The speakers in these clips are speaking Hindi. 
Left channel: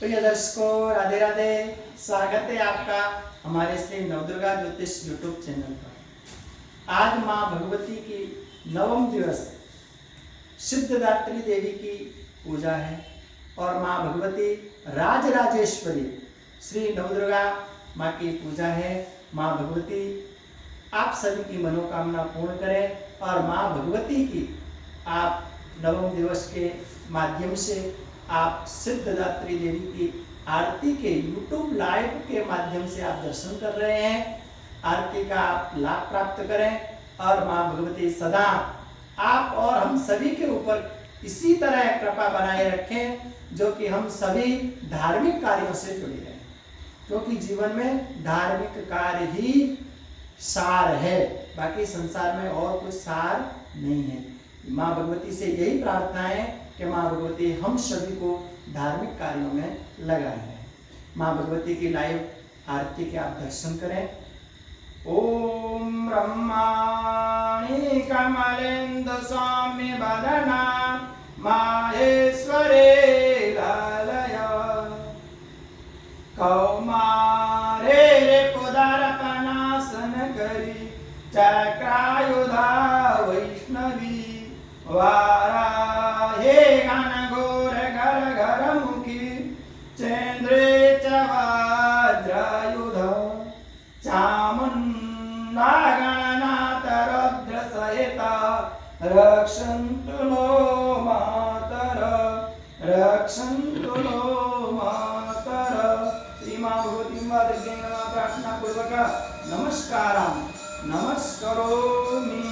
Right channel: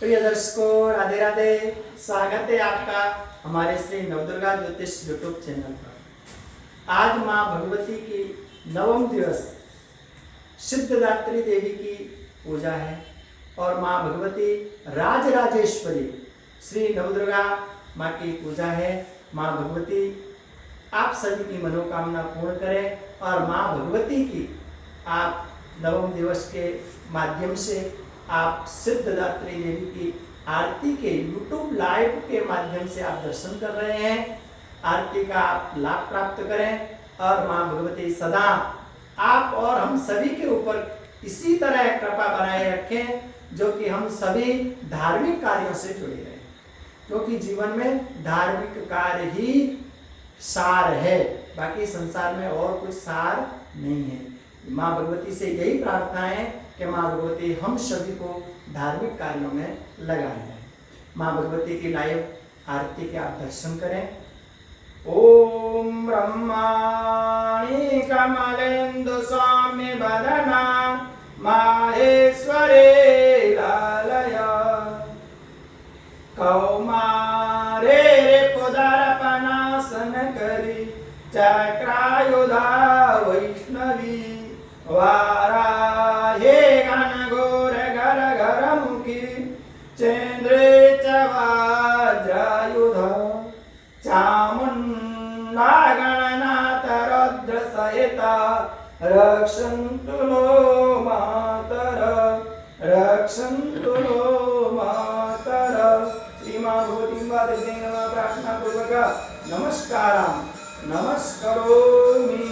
प्रिय दर्शकों, राधे राधे। स्वागत है आपका हमारे श्री नवदुर्गा ज्योतिष यूट्यूब चैनल पर। आज माँ भगवती की नवम दिवस सिद्धदात्री देवी की पूजा है और माँ भगवती राजराजेश्वरी श्री नवदुर्गा माँ की पूजा है। माँ भगवती आप सभी की मनोकामना पूर्ण करें और माँ भगवती की आप नवम दिवस के माध्यम से आप सिद्धदात्री देवी की आरती के YouTube लाइव के माध्यम से आप दर्शन कर रहे हैं। आरती का आप लाभ प्राप्त करें और माँ भगवती सदा आप और हम सभी के ऊपर इसी तरह कृपा बनाए रखें, जो कि हम सभी धार्मिक कार्यों से जुड़े रहें, क्योंकि जीवन में धार्मिक कार्य ही सार है, बाकी संसार में और कुछ सार नहीं है। माँ भगवती से यही प्रार्थना है कि माँ भगवती हम सभी को धार्मिक कार्यों में लगाए। माँ भगवती की लाइव आरती के आप दर्शन करें। ओम ब्रह्माणि कमलेन्दु सौम्य वदना माहेश्वरे लालय कौमारे पुदर्पणासन करी चक्रायुधा वैष्णवी वाराहे घनघोर घर घर मुखी चेन्द्रे च वज्रायुध चामुण्डा गणनाथ रुद्र सहिता रक्षन्तु नो मातर रक्षन्तु नो मातर। श्रीमा भगवती प्रार्थना पूर्वक नमस्कारं नमस्करोमि।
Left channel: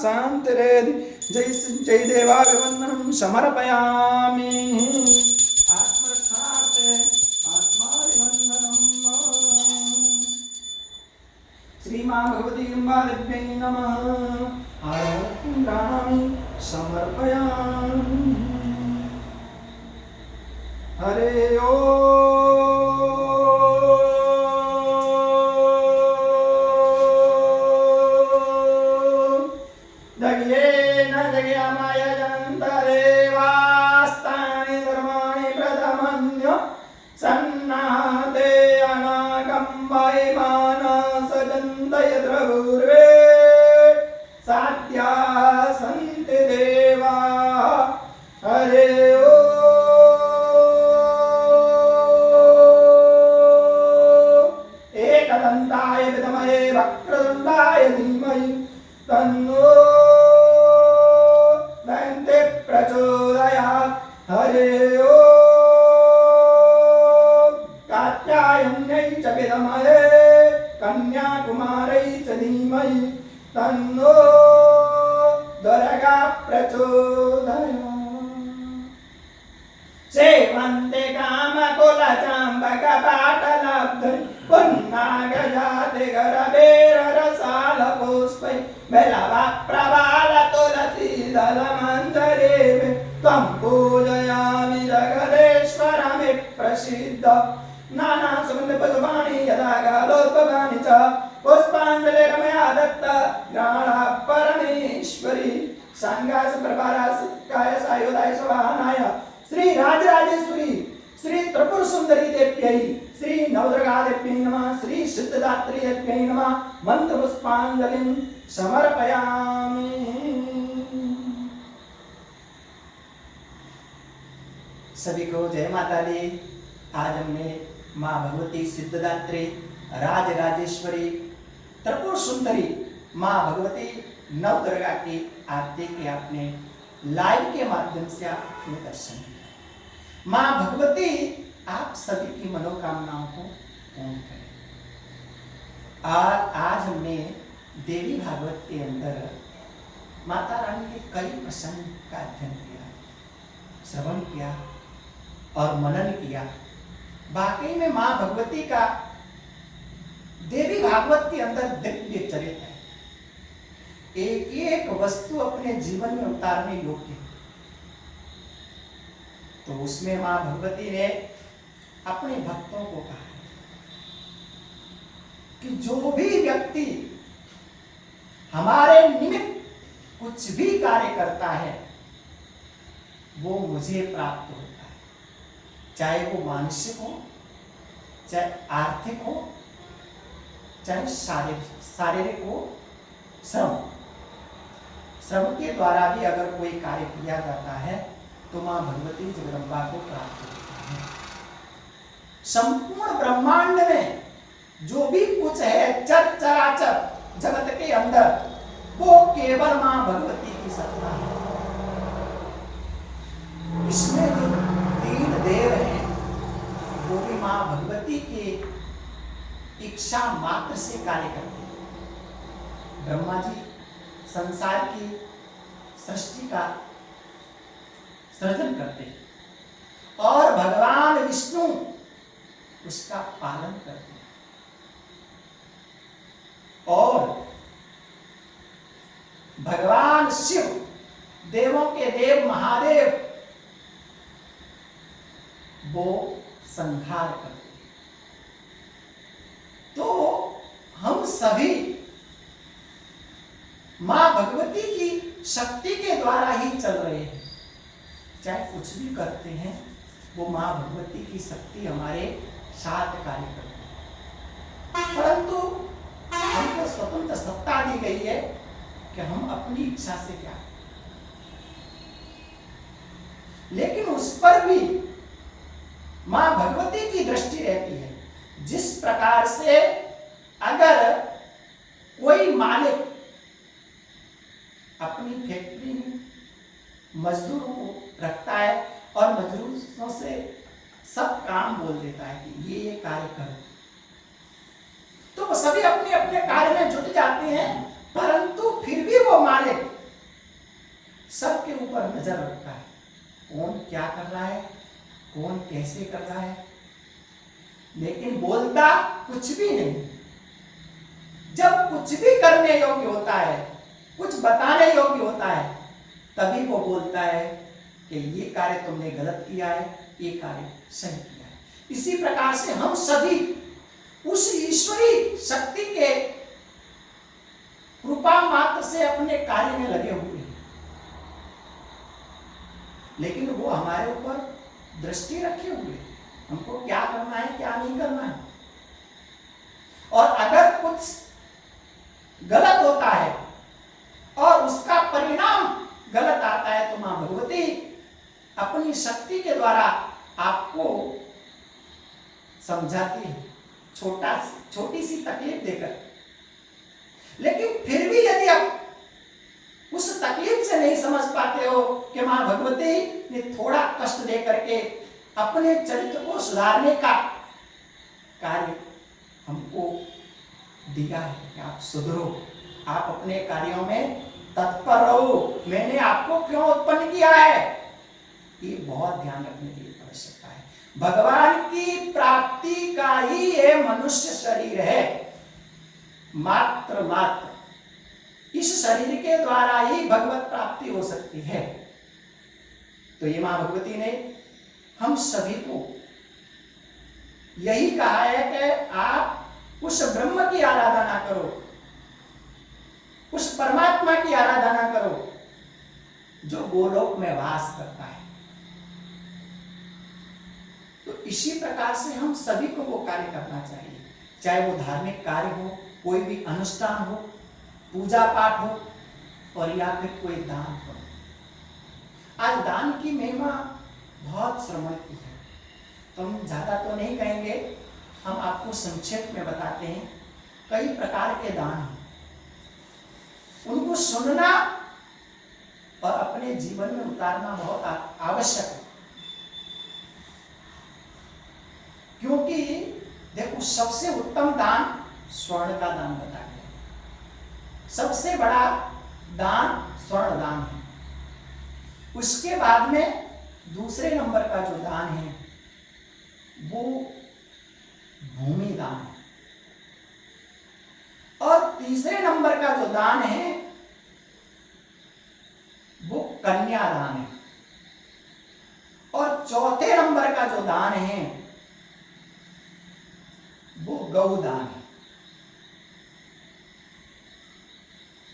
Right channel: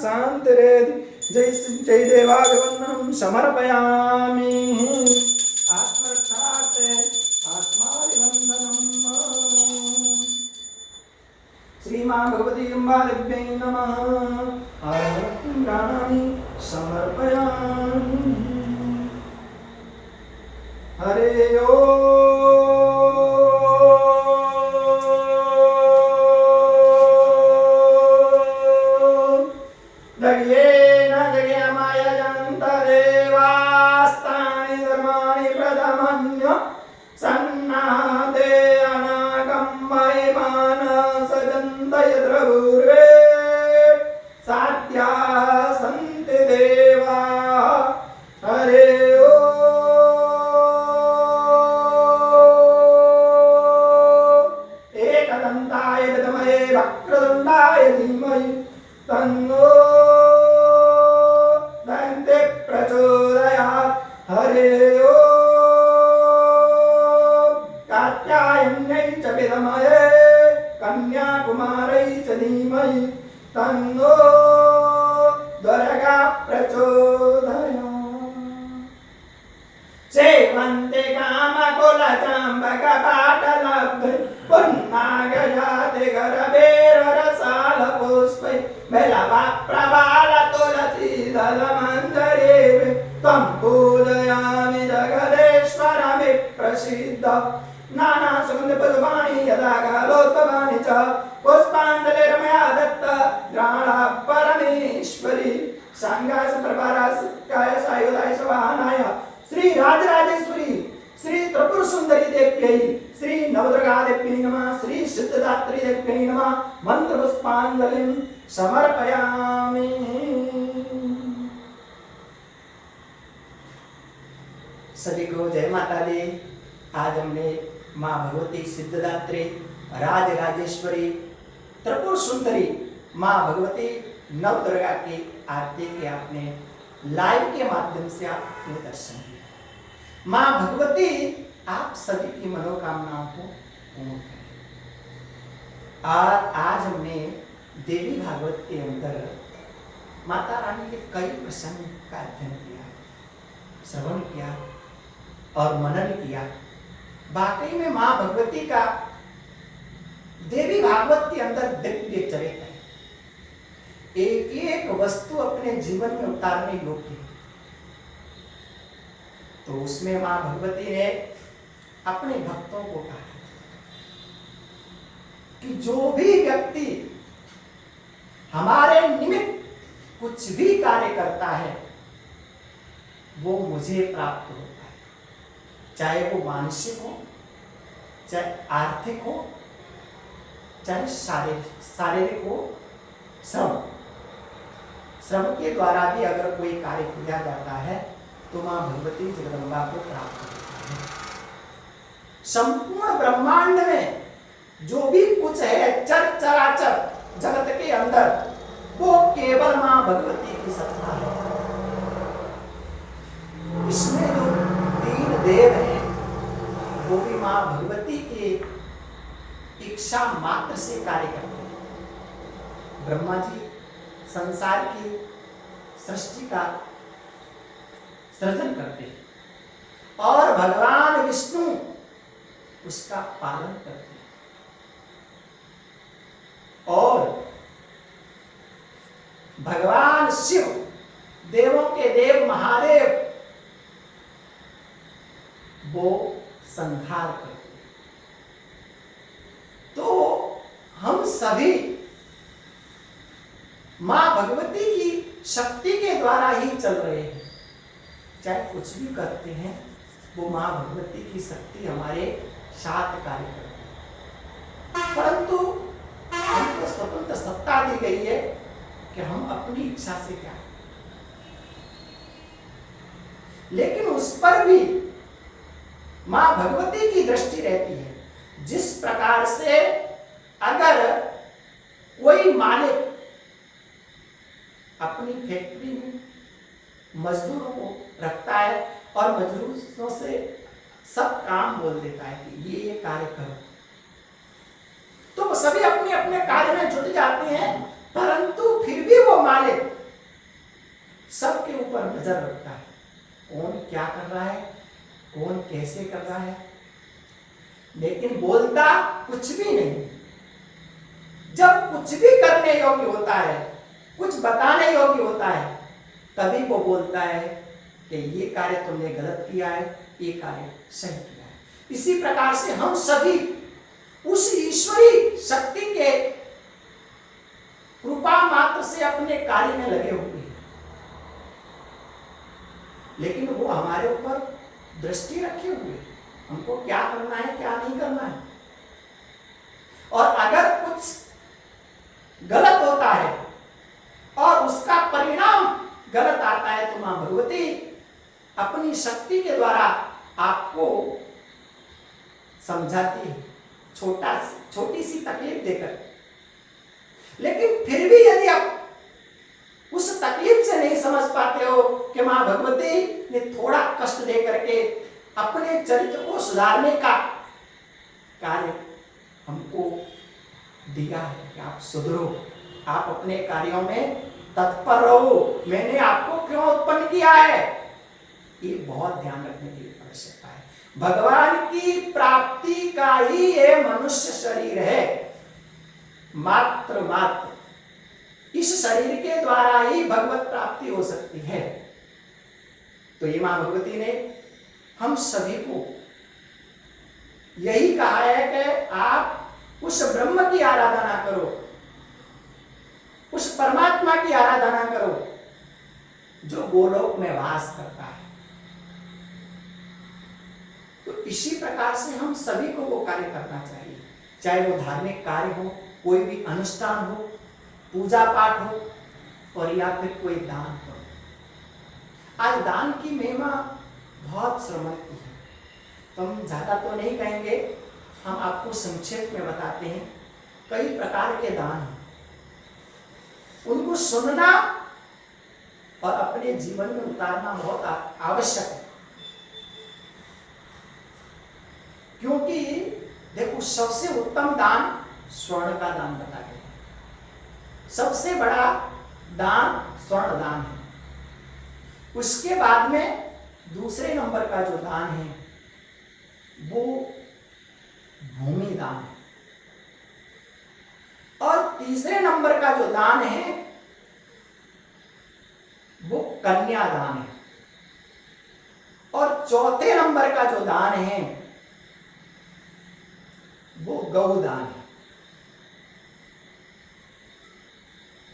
शांतिरेधि जय देवाभिवंदनं समर्पयामि आत्मरक्षार्थे आत्माभिवंदनम् श्रीमां भगवती अम्बादेव्यै नमः आरतिं गानामि समर्पयामि हरे वक्रतुण्डाय धीमहि तन्नो दन्ते प्रचोदयात् हरे ओम् कात्यायन्यै च विद्महे कन्याकुमारै च धीमहि तन्नो दुर्गा प्रचोदयात् सेवन्ते कामकुलचाम्बकपाटलब्धे पुन्नागजाते गरवेररसालपुष्पै बेलवप्रबालतुलसीदलमञ्जरीः त्वं पूजयामि जगदेश्वरमि प्रसीद नानासुगन्धपुष्पाणि यदा कालोद्भवानि च पुष्पाञ्जलिरमया दत्त ग्रहणः परमेश्वरी सांगासप्रभाराय सायुधाय सवाहनाय श्री राजराजेश्वरी श्री त्रिपुर सुंदरी देव्यै श्री नवदुर्गा देव्यै नमः श्री सिद्धदात्री देव्यै नमः मंत्र पुष्पांजलिं समर्पयामि। सभी को जय माता दी। आज हमने माँ भगवती सिद्धदात्री राजराजेश्वरी त्रिपुर सुंदरी माँ भगवती नवदुर्गा की आरती के आपने लाइव के माध्यम से आपने दर्शन किया। माँ भगवती आप सभी की मनोकामनाओं को पूर्ण करें। और आज हमने देवी भागवत के अंदर माता रानी के कई प्रसंग का अध्ययन किया, श्रवण किया और मनन किया। वाकई में माँ भगवती का देवी भागवत के अंदर दिव्य चरित्र है। एक एक वस्तु अपने जीवन में उतारने योग्य। तो उसमें मां भगवती ने अपने भक्तों को कहा कि जो भी व्यक्ति हमारे निमित्त कुछ भी कार्य करता है वो मुझे प्राप्त होता है, चाहे वो मानसिक हो, चाहे आर्थिक हो, चाहे शारीरिक हो। श्रम के द्वारा भी अगर कोई कार्य किया जाता है तो मां भगवती जगदम्बा को प्राप्त होता है। संपूर्ण ब्रह्मांड में जो भी कुछ है चर चराचर जगत के अंदर वो केवल मां भगवती की सत्ता है। इसमें जो तीन देव हैं वो भी मां भगवती की इच्छा मात्र से कार्य करते हैं। ब्रह्मा जी संसार की सृष्टि का सृजन करते हैं और भगवान विष्णु उसका पालन करते हैं। और भगवान शिव देवों के देव महादेव वो संहार करते हैं। तो हम सभी मां भगवती की शक्ति के द्वारा ही चल रहे हैं। चाहे कुछ भी करते हैं वो मां भगवती की शक्ति हमारे साथ कार्य करती है। परंतु हमको स्वतंत्र सत्ता दी गई है कि हम अपनी इच्छा से क्या, लेकिन उस पर भी मां भगवती की दृष्टि रहती है। जिस प्रकार से अगर कोई मालिक अपनी फैक्ट्री में मजदूरों को रखता है और मजदूरों से सब काम बोल देता है कि ये कार्य करो, तो वो सभी अपने अपने कार्य में जुट जाते हैं, परंतु फिर भी वो मालिक सबके ऊपर नजर रखता है, कौन क्या कर रहा है, कौन कैसे कर रहा है, लेकिन बोलता कुछ भी नहीं। जब कुछ भी करने योग्य होता है, कुछ बताने योग्य होता है, तभी वो बोलता है कि ये कार्य तुमने गलत किया है, ये कार्य सही किया है। इसी प्रकार से हम सभी उस ईश्वरी शक्ति के कृपा मात्र से अपने कार्य में लगे हुए हैं, लेकिन वो हमारे ऊपर दृष्टि रखे हुए हैं, हमको क्या करना है क्या नहीं करना है। और अगर कुछ गलत होता है और उसका परिणाम गलत आता है, तो मां भगवती अपनी शक्ति के द्वारा आपको समझाती है, छोटी सी तकलीफ देकर। लेकिन फिर भी यदि आप उस तकलीफ से नहीं समझ पाते हो कि मां भगवती ने थोड़ा कष्ट दे करके अपने चरित्र को सुधारने का कार्य हमको दिया है कि आप सुधरो, आप अपने कार्यों में तत्पर रहो, मैंने आपको क्यों उत्पन्न किया है, ये बहुत ध्यान रखने की आवश्यकता है। भगवान की प्राप्ति का ही ये मनुष्य शरीर है, मात्र इस शरीर के द्वारा ही भगवत प्राप्ति हो सकती है। तो ये मां भगवती ने हम सभी को यही कहा है कि आप उस ब्रह्म की आराधना करो, उस परमात्मा की आराधना करो जो गोलोक में वास करता है। तो इसी प्रकार से हम सभी को वो कार्य करना चाहिए, चाहे वो धार्मिक कार्य हो, कोई भी अनुष्ठान हो, पूजा पाठ हो, और या फिर कोई दान हो। आज दान की महिमा बहुत श्रवण की है, तो हम ज्यादा तो नहीं कहेंगे, हम आपको संक्षेप में बताते हैं। कई प्रकार के दान हैं, उनको सुनना और अपने जीवन में उतारना बहुत आवश्यक है। क्योंकि देखो, सबसे उत्तम दान स्वर्ण का दान बताया गया है, सबसे बड़ा दान स्वर्ण दान है। उसके बाद में दूसरे नंबर का जो दान है वो भूमि दान है, और तीसरे नंबर का जो दान है वो कन्या दान है, और चौथे नंबर का जो दान है वो गौदान है,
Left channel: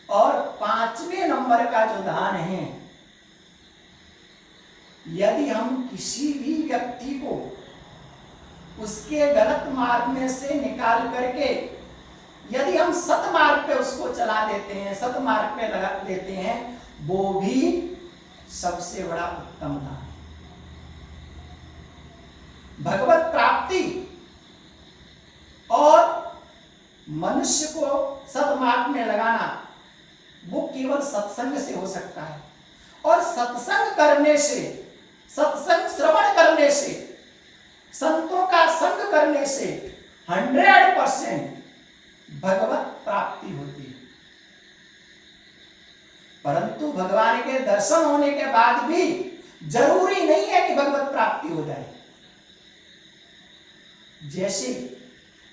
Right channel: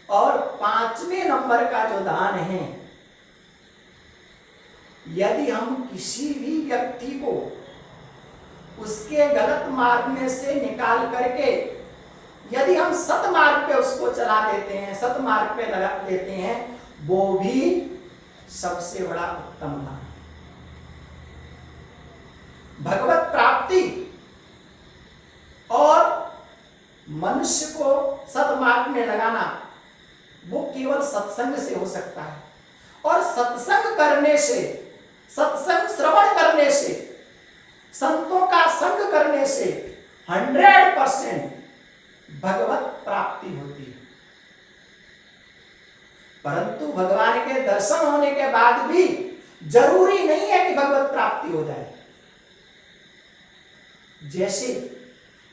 और पांचवें नंबर का जो दान है, यदि हम किसी भी व्यक्ति को उसके गलत मार्ग में से निकाल करके यदि हम सत मार्ग पे उसको चला देते हैं, सत मार्ग पे लगा देते हैं, वो भी सबसे बड़ा उत्तम दान है। भगवत प्राप्ति और मनुष्य को सतमार्ग में लगाना वो केवल सत्संग से हो सकता है, और सत्संग करने से, सत्संग श्रवण करने से, संतों का संग करने से 100% भगवत प्राप्ति होती है। परंतु भगवान के दर्शन होने के बाद भी जरूरी नहीं है कि भगवत प्राप्ति हो जाए। जैसे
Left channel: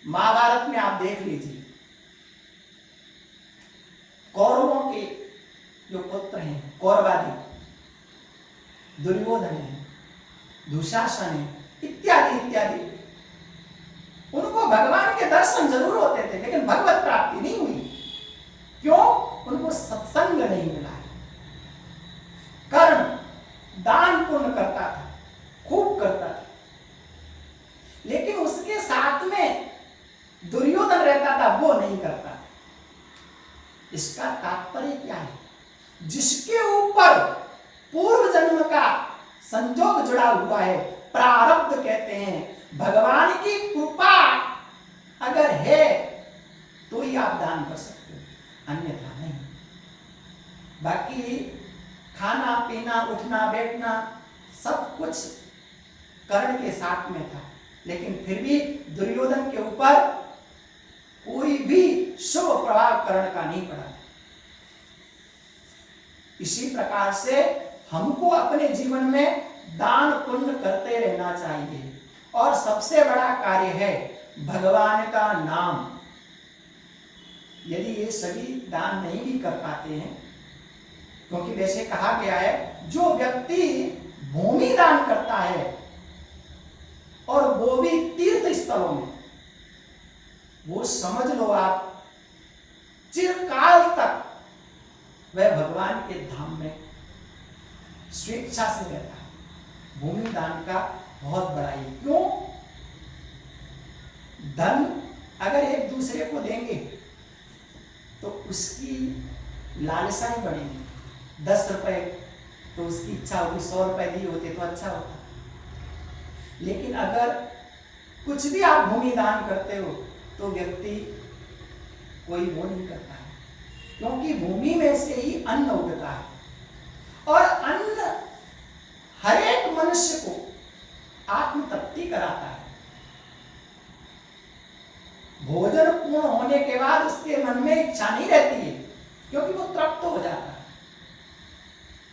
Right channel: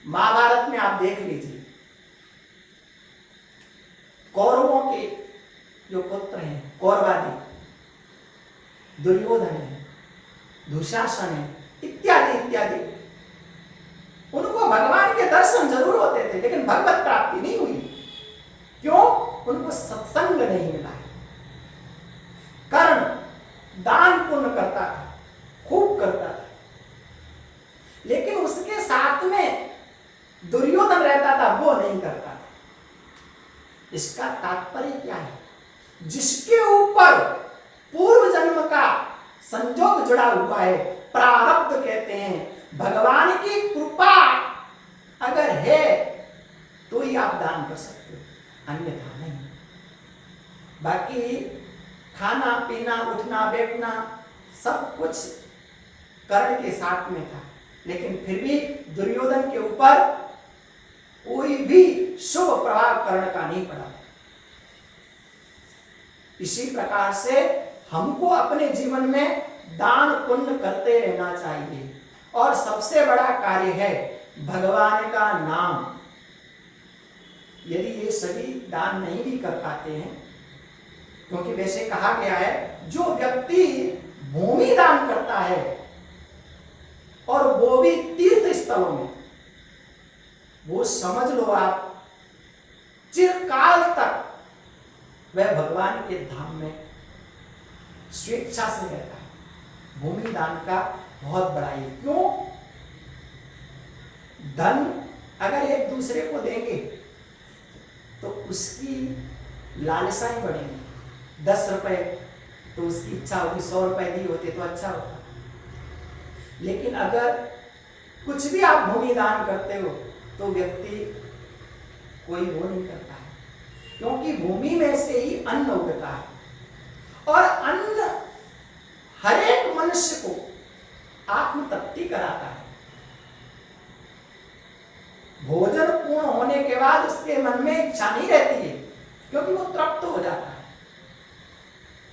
महाभारत में आप देख लीजिए, कौरवों के जो पुत्र हैं, कौरवादी, दुर्योधन है, दुशासन है, इत्यादि इत्यादि, उनको भगवान के दर्शन जरूर होते थे, लेकिन भगवत प्राप्ति नहीं हुई। क्यों? उनको सत्संग नहीं मिला है। कर्म दान पुण्य करता था, खूब करता था, लेकिन उसके साथ में दुर्योधन रहता था, वो नहीं करता था। इसका तात्पर्य क्या है? जिसके ऊपर पूर्व जन्म का संजोग जुड़ा हुआ है, प्रारब्ध कहते हैं, भगवान की कृपा अगर है तो ही आप दान कर सकते हो। खाना पीना उठना बैठना सब कुछ कर्ण के साथ में था, लेकिन फिर भी दुर्योधन के ऊपर कोई भी शुभ प्रभाव कर्ण का नहीं पड़ा। इसी प्रकार से हमको अपने जीवन में दान पुण्य करते रहना चाहिए, और सबसे बड़ा कार्य है भगवान का नाम। यदि ये सभी दान नहीं भी कर पाते हैं, क्योंकि वैसे कहा गया है जो व्यक्ति भूमि दान करता है और वो भी तीर्थ स्थलों में, वो समझ लो आप चिरकाल तक वह भगवान के धाम में स्वेच्छा से रहता है। भूमि दान का बहुत बड़ा है। क्यों? धन अगर एक दूसरे को देंगे तो उसकी लालसाएं बढ़ेंगी। 10 रुपए तो उसकी इच्छा होगी 100 रुपए दिए होते तो अच्छा होता, लेकिन अगर कुछ भी आप भूमि दान करते हो तो व्यक्ति कोई वो नहीं करता है, क्योंकि भूमि में से ही अन्न उगता है, और अन्न हर एक मनुष्य को आत्म तृप्ति कराता है। भोजन पूर्ण होने के बाद उसके मन में इच्छा नहीं रहती है, क्योंकि वो तृप्त हो जाता है।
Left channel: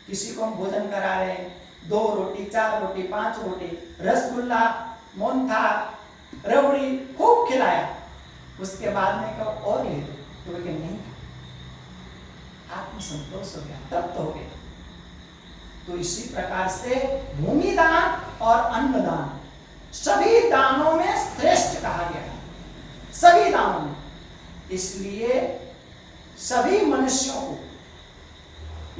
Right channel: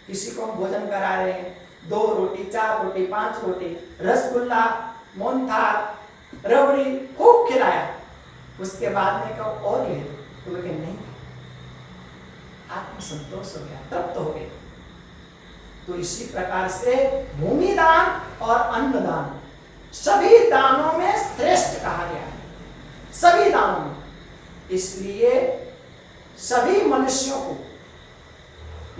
किसी को हम भोजन करा रहे हैं, 2 रोटी 4 रोटी 5 रोटी, रसगुल्ला मोहनथाल रबड़ी खूब खिलाया, उसके बाद में कहो और ले दो तो वे नहीं, आत्मसंतोष हो गया, तृप्त हो गया। तो इसी प्रकार से भूमि दान और अन्न दान सभी दानों में श्रेष्ठ कहा गया है, सभी दानों में। इसलिए सभी मनुष्यों को,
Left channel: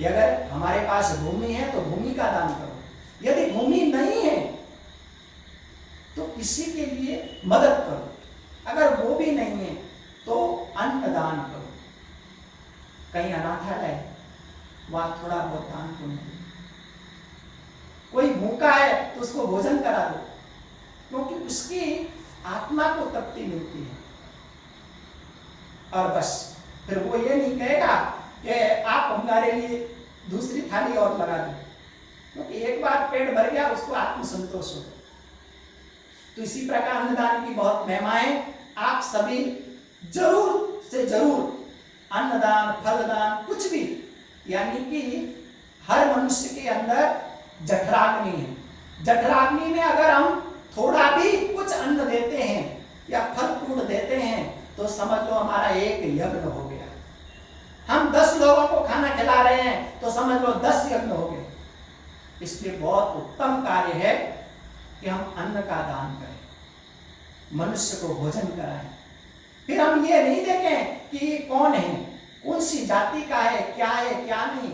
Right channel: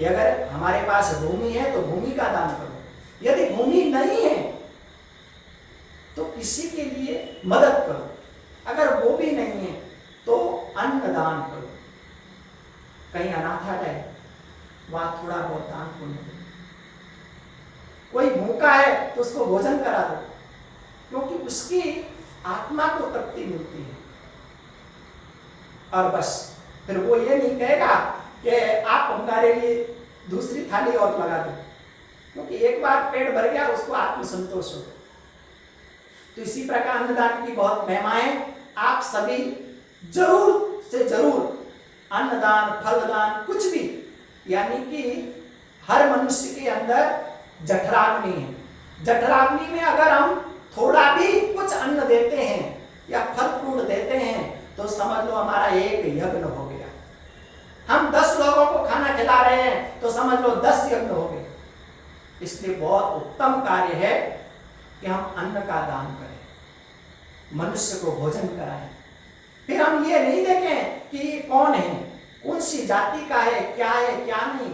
अगर हमारे पास भूमि है तो भूमि का दान करो, यदि भूमि नहीं है तो किसी के लिए मदद करो, अगर वो भी नहीं है तो अन्न दान करो। कहीं अनाथालय वहां थोड़ा बहुत दान पुण्य, कोई भूखा है तो उसको भोजन करा दो, क्योंकि उसकी आत्मा को तृप्ति मिलती है। और बस फिर वो ये नहीं कहेगा कि आप हमारे लिए दूसरी थाली और लगा दो, क्योंकि एक बार पेट भर गया उसको आत्मसंतोष हो। तो इसी प्रकार अन्नदान की बहुत महिमा है। आप सभी जरूर से जरूर अन्नदान फलदान कुछ भी, यानी कि हर मनुष्य के अंदर जठराग्नि है। जठराग्नि में अगर हम थोड़ा भी कुछ अन्न देते हैं या फल फ्रूट देते हैं तो समझ लो हमारा एक यज्ञ हो गया। हम 10 लोगों को खाना खिला रहे हैं तो समझ लो 10 यज्ञ हो गए। इसलिए बहुत उत्तम कार्य है कि हम अन्न का दान करें, मनुष्य को भोजन कराएं। फिर हम ये नहीं देखें कि कौन है, कौन सी जाति का है, क्या नहीं,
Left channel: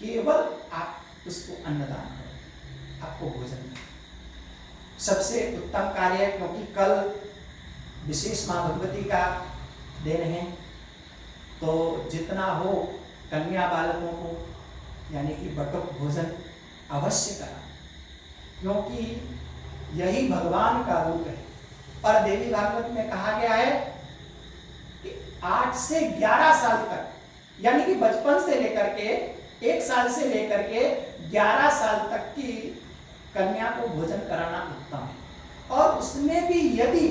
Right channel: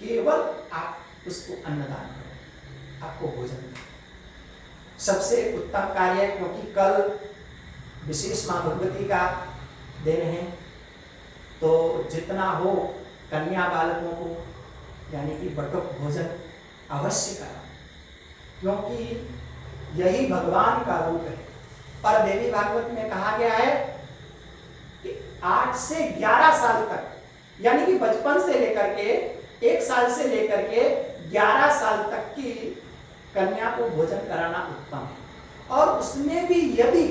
केवल आप उसको अन्नदान करो, आपको भोजन मिले। सबसे उत्तम कार्य है, क्योंकि कल विशेष मां भगवती का दिन है, तो जितना हो कन्या बालकों को यानी कि बटुक भोजन अवश्य करा, क्योंकि यही भगवान का रूप है। पर देवी भागवत में कहा गया है कि 8 से 11 साल तक, यानी कि बचपन से लेकर के 1 साल से लेकर के 11 साल तक की कन्या को भोजन कराना उत्तम है। और उसमें भी यदि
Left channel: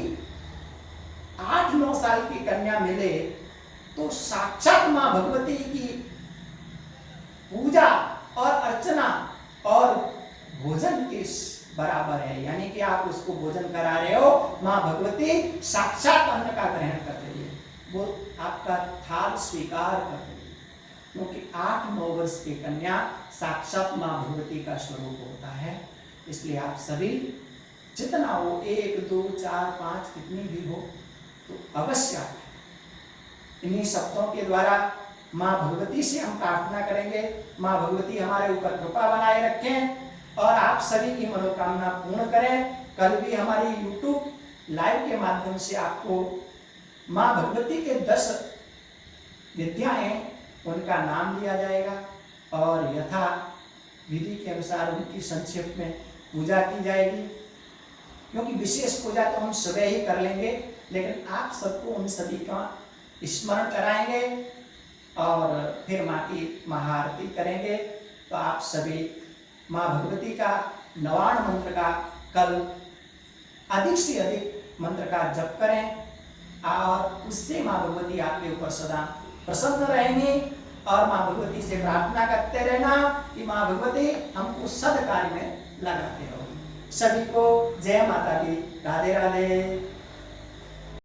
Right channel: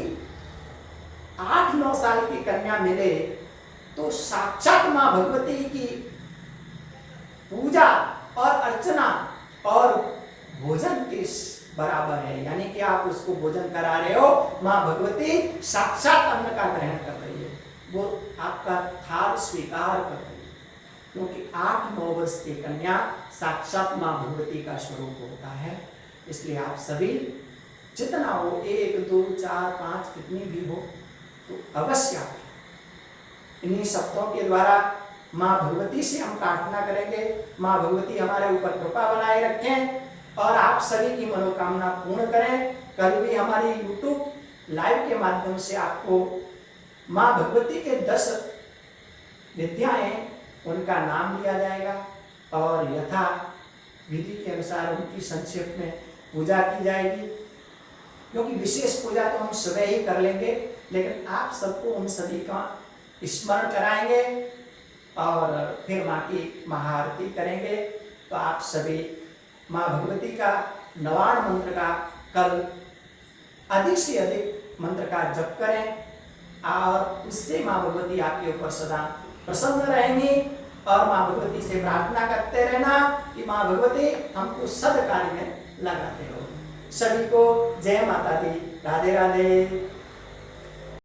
8-9 साल की कन्या मिले तो साक्षात मां भगवती की पूजा और अर्चना और भोजन के बराबर है। यानी कि आप उसको भोजन करा रहे हो, मां भगवती साक्षात अन्न का ग्रहण कर रही है, वो आपका थाल स्वीकार कर रही है, क्योंकि 8-9 वर्ष की कन्या साक्षात मां भगवती का स्वरूप होता है। इसलिए आप सभी जितना हो 1, 2, 4, 5 कितनी भी हो तो अवश्य आप इन्हीं शब्दों के द्वारा मां भगवती से हम प्रार्थना करेंगे, मां भगवती हमारे ऊपर कृपा बनाए रखें और आप सभी की मनोकामना पूर्ण करें। कल भी हमारी YouTube लाइव के माध्यम से आपको मां भगवती के 10 विद्याएं उनका नाम लिया जाएगा और यथा विधि के अनुसार उनकी संक्षेप में पूजा की जाएगी, क्योंकि विशेष पूजा तो हम सुबह ही कर लेंगे, लेकिन आप सबको उन सभी का स्मरण कराएंगे और फिर मां की महाआरती करेंगे। तो आप सभी माँ भगवती का नवाण मंत्र का कल अधिक से अधिक मंत्र का जप करें और उससे माँ भगवती आपके ऊपर सदा प्रसन्न रहेंगी। और माँ भगवती से प्रार्थना करते रहना कि माँ भगवती हमको सद कार्य में लगाते हो। सभी को जय माता दी, राधे राधे।